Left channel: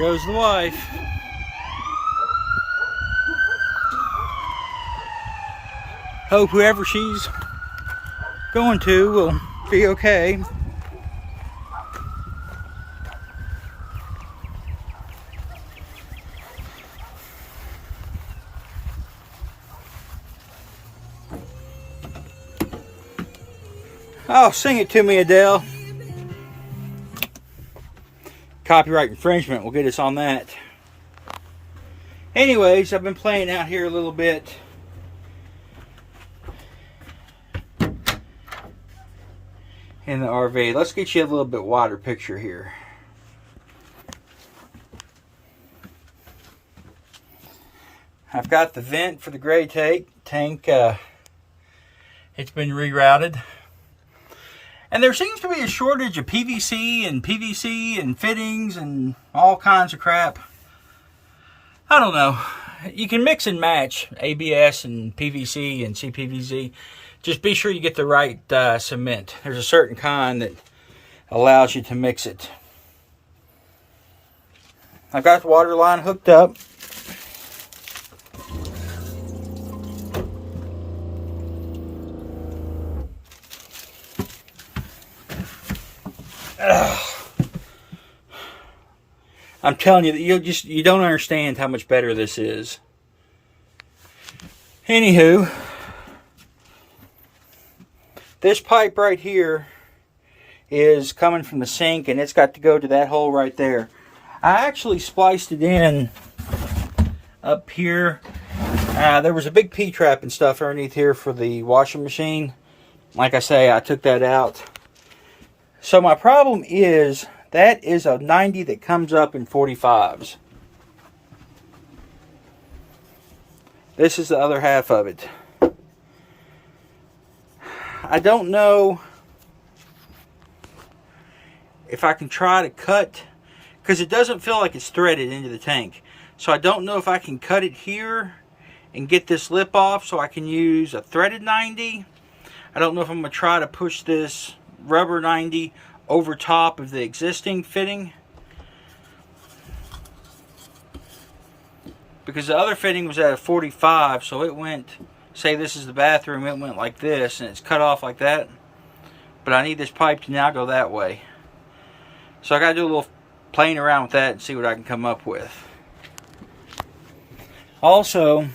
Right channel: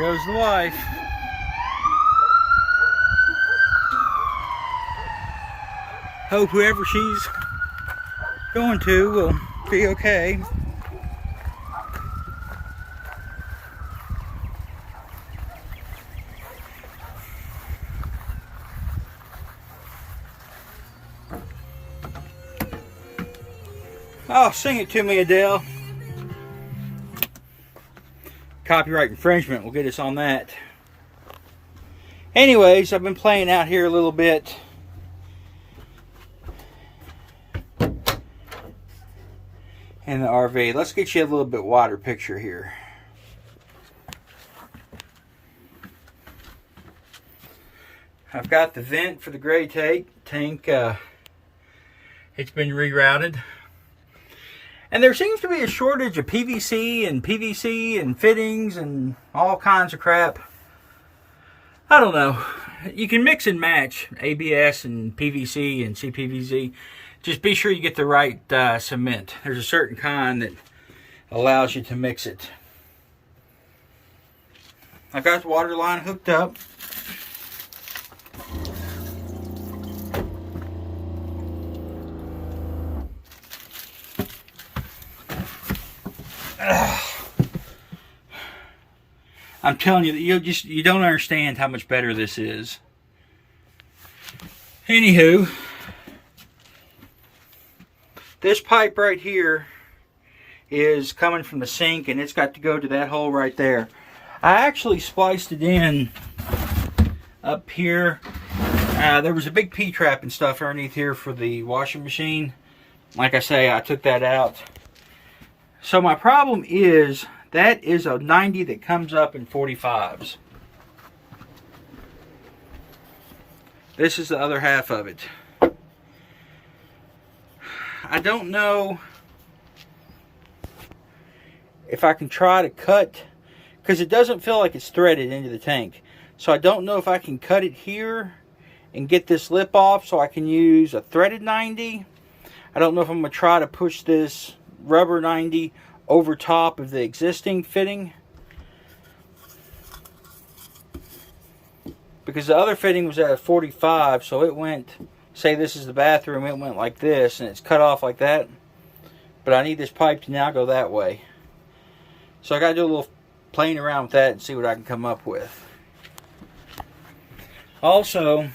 goes the wife. Hope whoever she's going to will be okay. Oh, sing it to me, Adele. Copyright infringement will get us on that. Anyways, I've been playing out here a little bit. In the RV. Let's get you a little bit wider picture here. I've got the vent for the gray tank. It's been rerouted. And there seems to be a shortage of PVC and fittings and all kinds of crap. I don't know. You can mix and match ABS and PVC and CPVC. Just be sure you get the right cement. There's a certain kind that allows you to mix it. I've got the water line hooked up. I'm telling you, you don't understand how much better this is. Anywho, this pipe right here is coming from the sink, and it's got to go to that hole right there. I actually spliced it in up here. There was a big P-trap and stuff underneath here for the washing machine. Like I say, I took that out. So my problem is, that is a 90 that comes up in 45s. This is the other half of it. I don't know if I can try to cut, because it doesn't feel like it's threaded into the tank. So I don't know if I can cut it here and get this lip off so I can use a threaded 90. I don't know if I'm going to try to push this rubber 90 over top of the existing fitting, because the other fitting was at a 45, so it went, say this is the bathroom, it went like this and it's cut off like that, but I need this pipe to now go that way. So I got to do a little playing around with that and see what I can come up with. Also,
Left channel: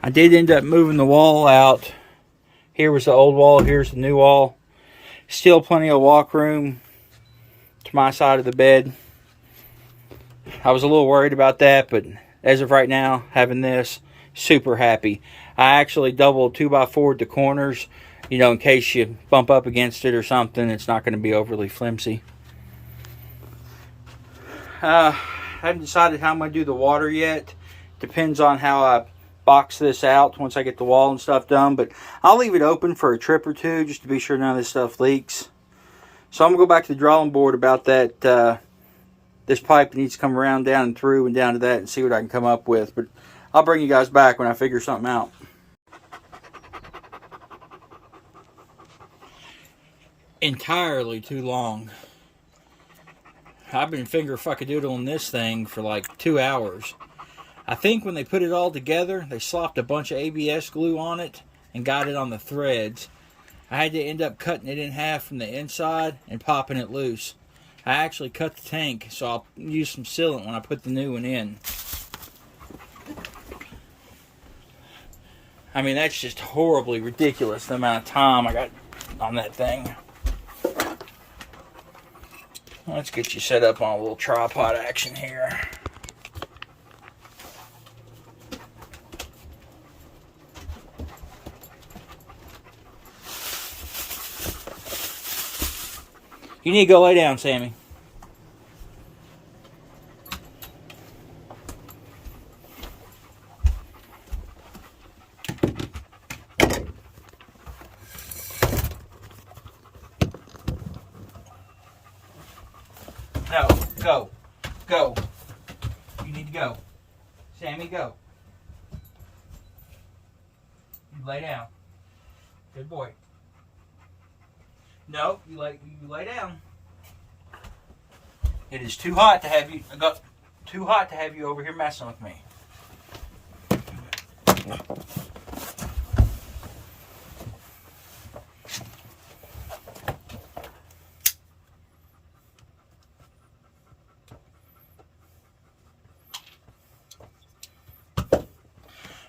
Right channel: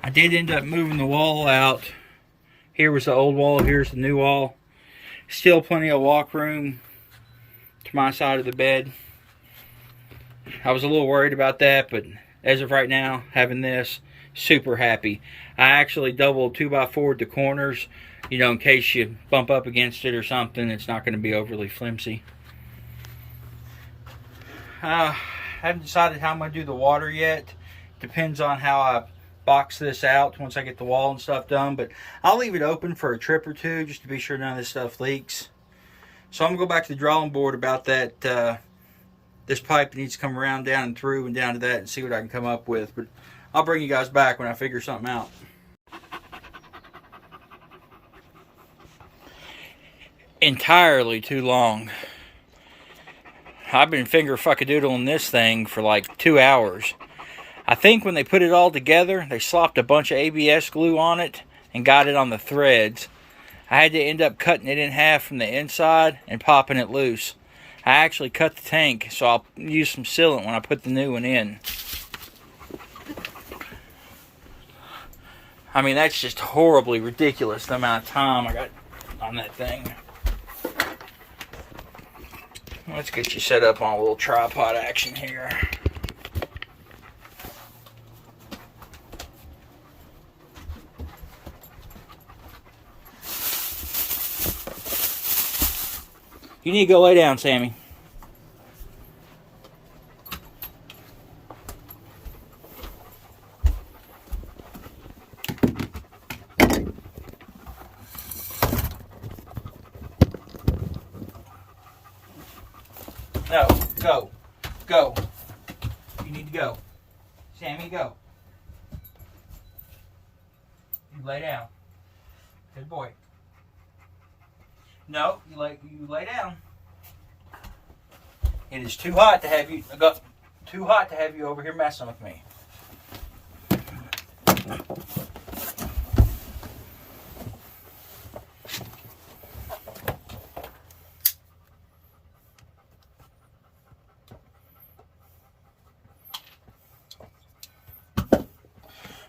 I did end up moving the wall out. Here was the old wall, here's the new wall. Still plenty of walk room to my side of the bed. I was a little worried about that, but as of right now, having this, super happy. I actually doubled 2x4 the corners, you know, in case you bump up against it or something, it's not going to be overly flimsy. I haven't decided how I'm going to do the water yet. Depends on how I box this out once I get the wall and stuff done, but I'll leave it open for a trip or two just to be sure none of this stuff leaks. So I'm gonna go back to the drawing board about that this pipe needs to come around, down and through and down to that, and see what I can come up with. But I'll bring you guys back when I figure something out. Entirely too long. I've been finger fuckadoodling this thing for like 2 hours. I think when they put it all together, they slopped a bunch of ABS glue on it and got it on the threads. I had to end up cutting it in half from the inside and popping it loose. I actually cut the tank, so I'll use some sealant when I put the new one in. I mean, that's just horribly ridiculous, the amount of time I got on that thing. Let's get you set up on a little tripod action here. You need to go lay down, Sammy. No, go. You need to go. Sammy, go. You lay down. Good boy. No, you lay down. It is too hot to have you. Too hot to have you over here messing with me.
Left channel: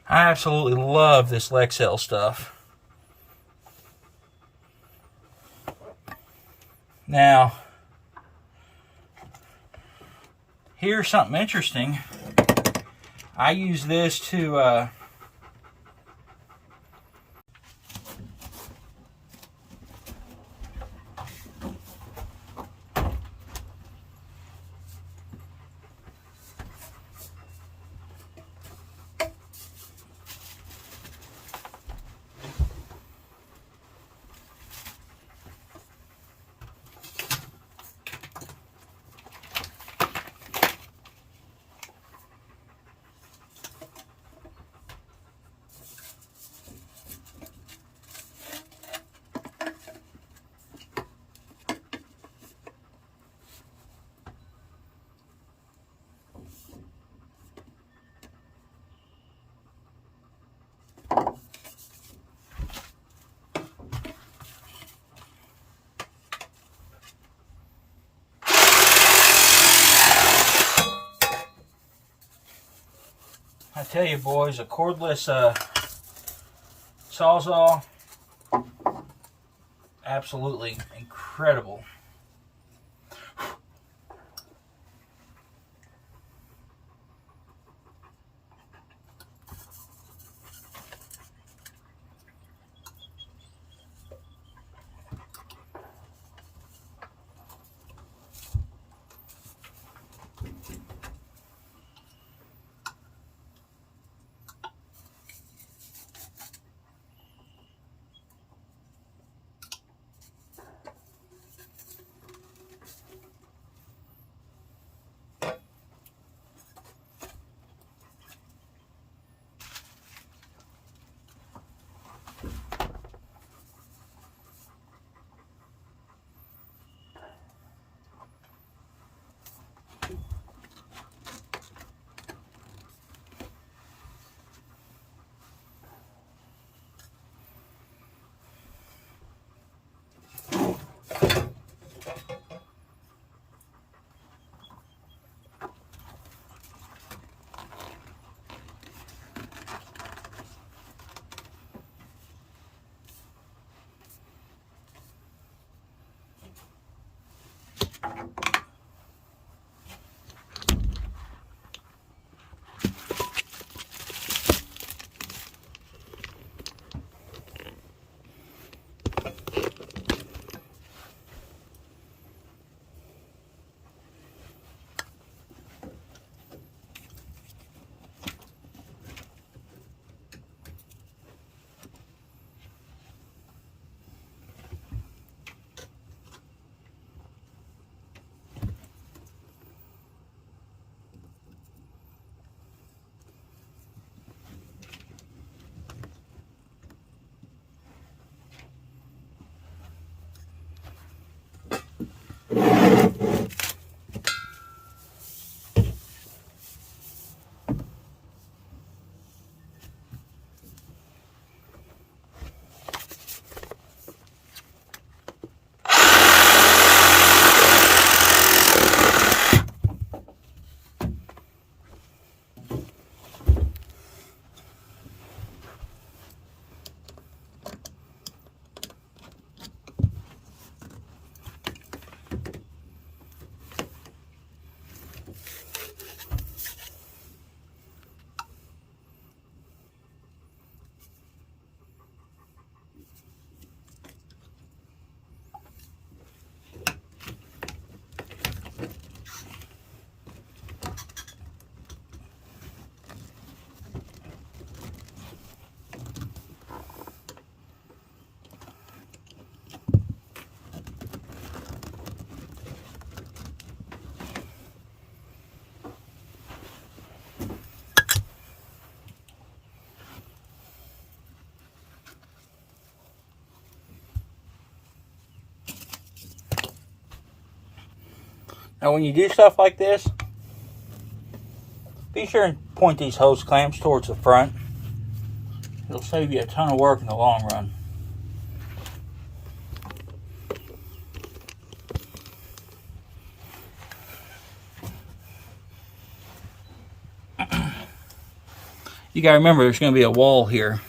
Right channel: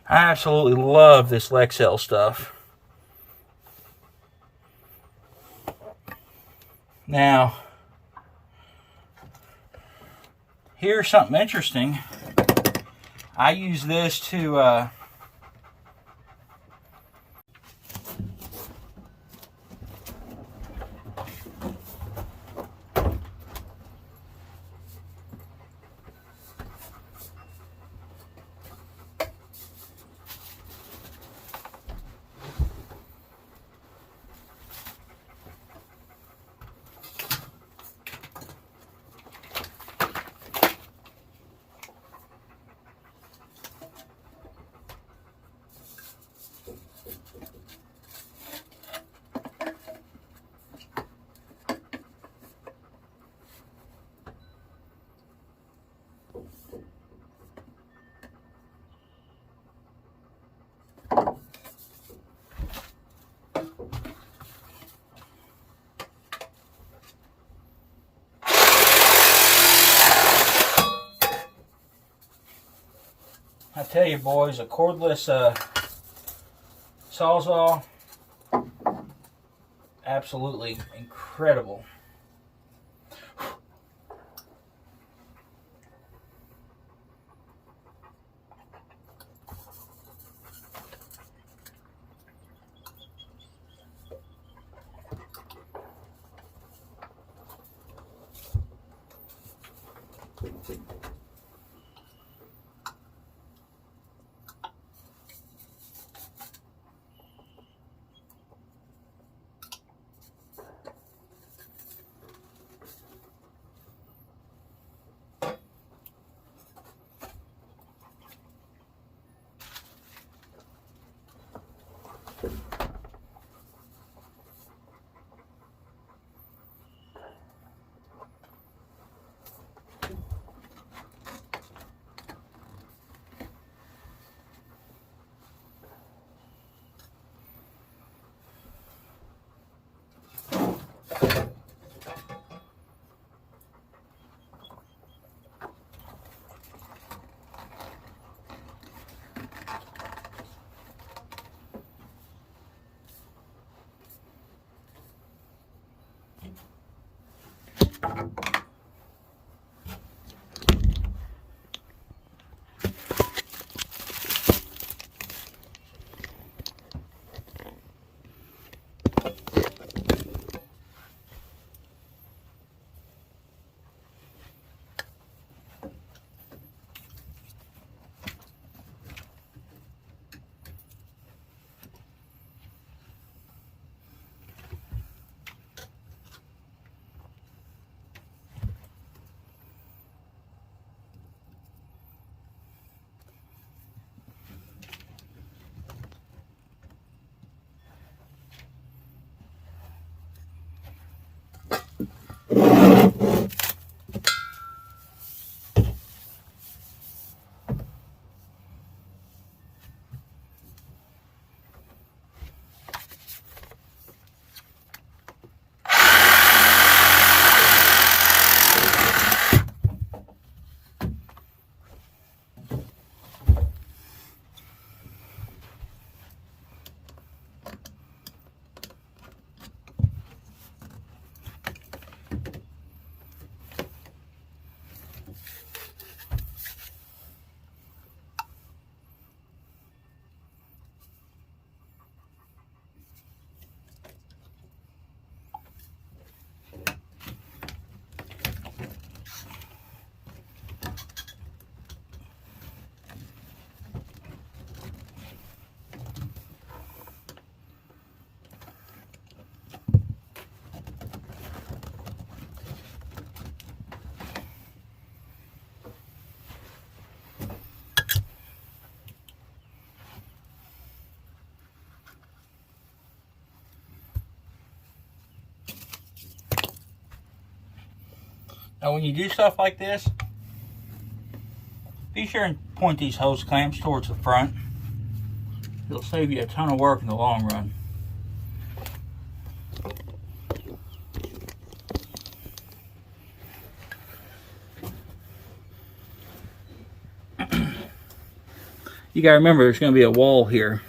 I absolutely love this Lexel stuff. Now, here's something interesting. I use this to I tell you boys, a cordless Sawzall, absolutely incredible. Now when you do stuff like this, be sure and point these hose clamps towards the front. It'll save you a ton of work in the long run. You gotta remember there's gonna be a wall here.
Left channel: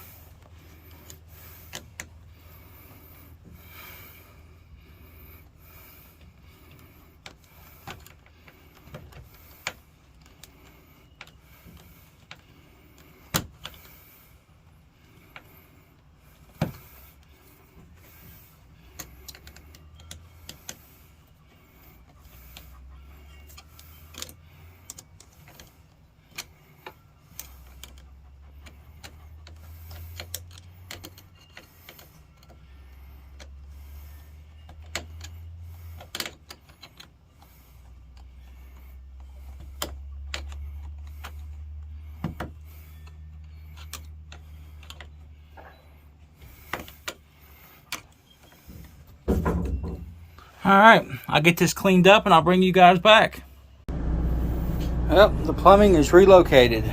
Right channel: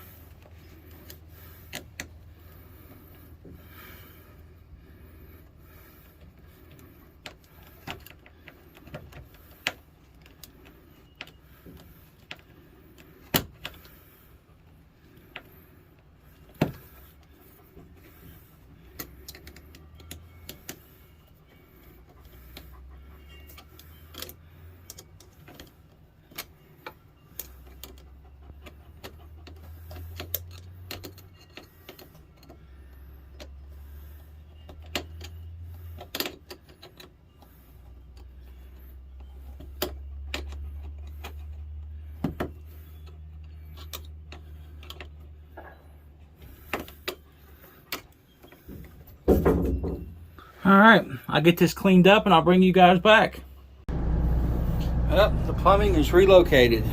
Alright, I'll get this cleaned up and I'll bring you guys back. Well, the plumbing is relocated.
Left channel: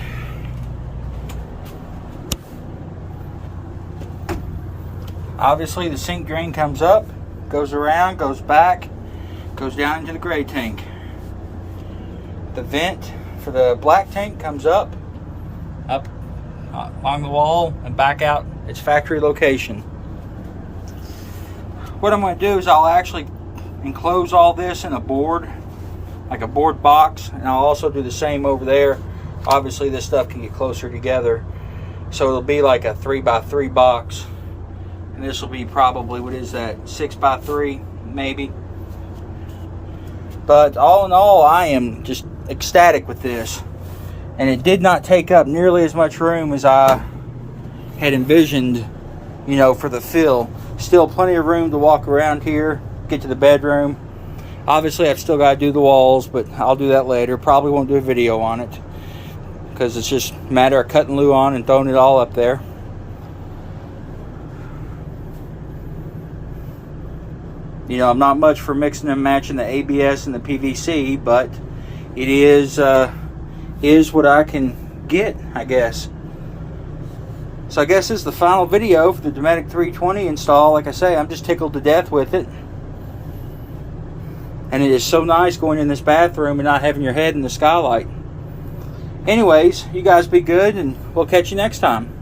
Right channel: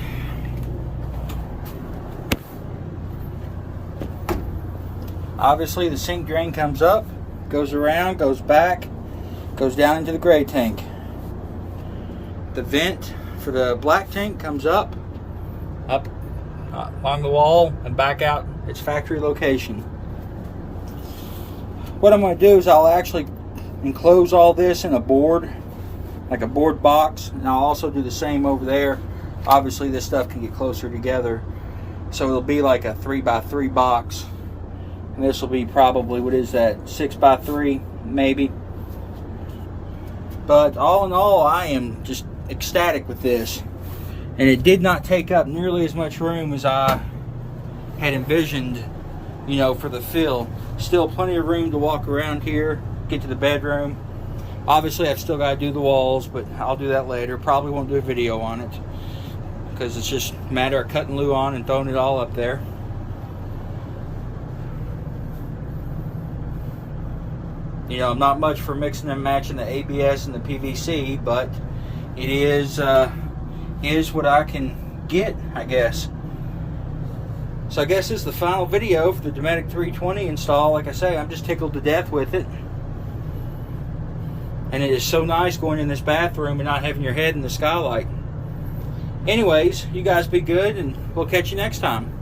Obviously the sink drain comes up, goes around, goes back, goes down into the gray tank. The vent for the black tank comes up along the wall and back out its factory location. What I'm going to do is I'll actually enclose all this in a board, like a board box, and I'll also do the same over there. Obviously this stuff can get closer together, so it'll be like a 3x3 box, and this will be probably, what is that, 6x3 maybe. But all in all, I am just ecstatic with this, and it did not take up nearly as much room as I had envisioned, you know, for the fill. Still plenty of room to walk around here, get to the bedroom. Obviously I've still got to do the walls, but I'll do that later. Probably won't do a video on it because it's just a matter of cutting glue on and throwing it all up there. You know, I'm not much for mixing and matching the ABS and the PVC, but it is what I can get, I guess. So I guess this is the final video for the Dometic 320 install. Like I say, I'm just tickled to death with it. And it is so nice going in this bathroom and not having your head in the skylight. Anyways, you guys be good, and we'll catch you next time.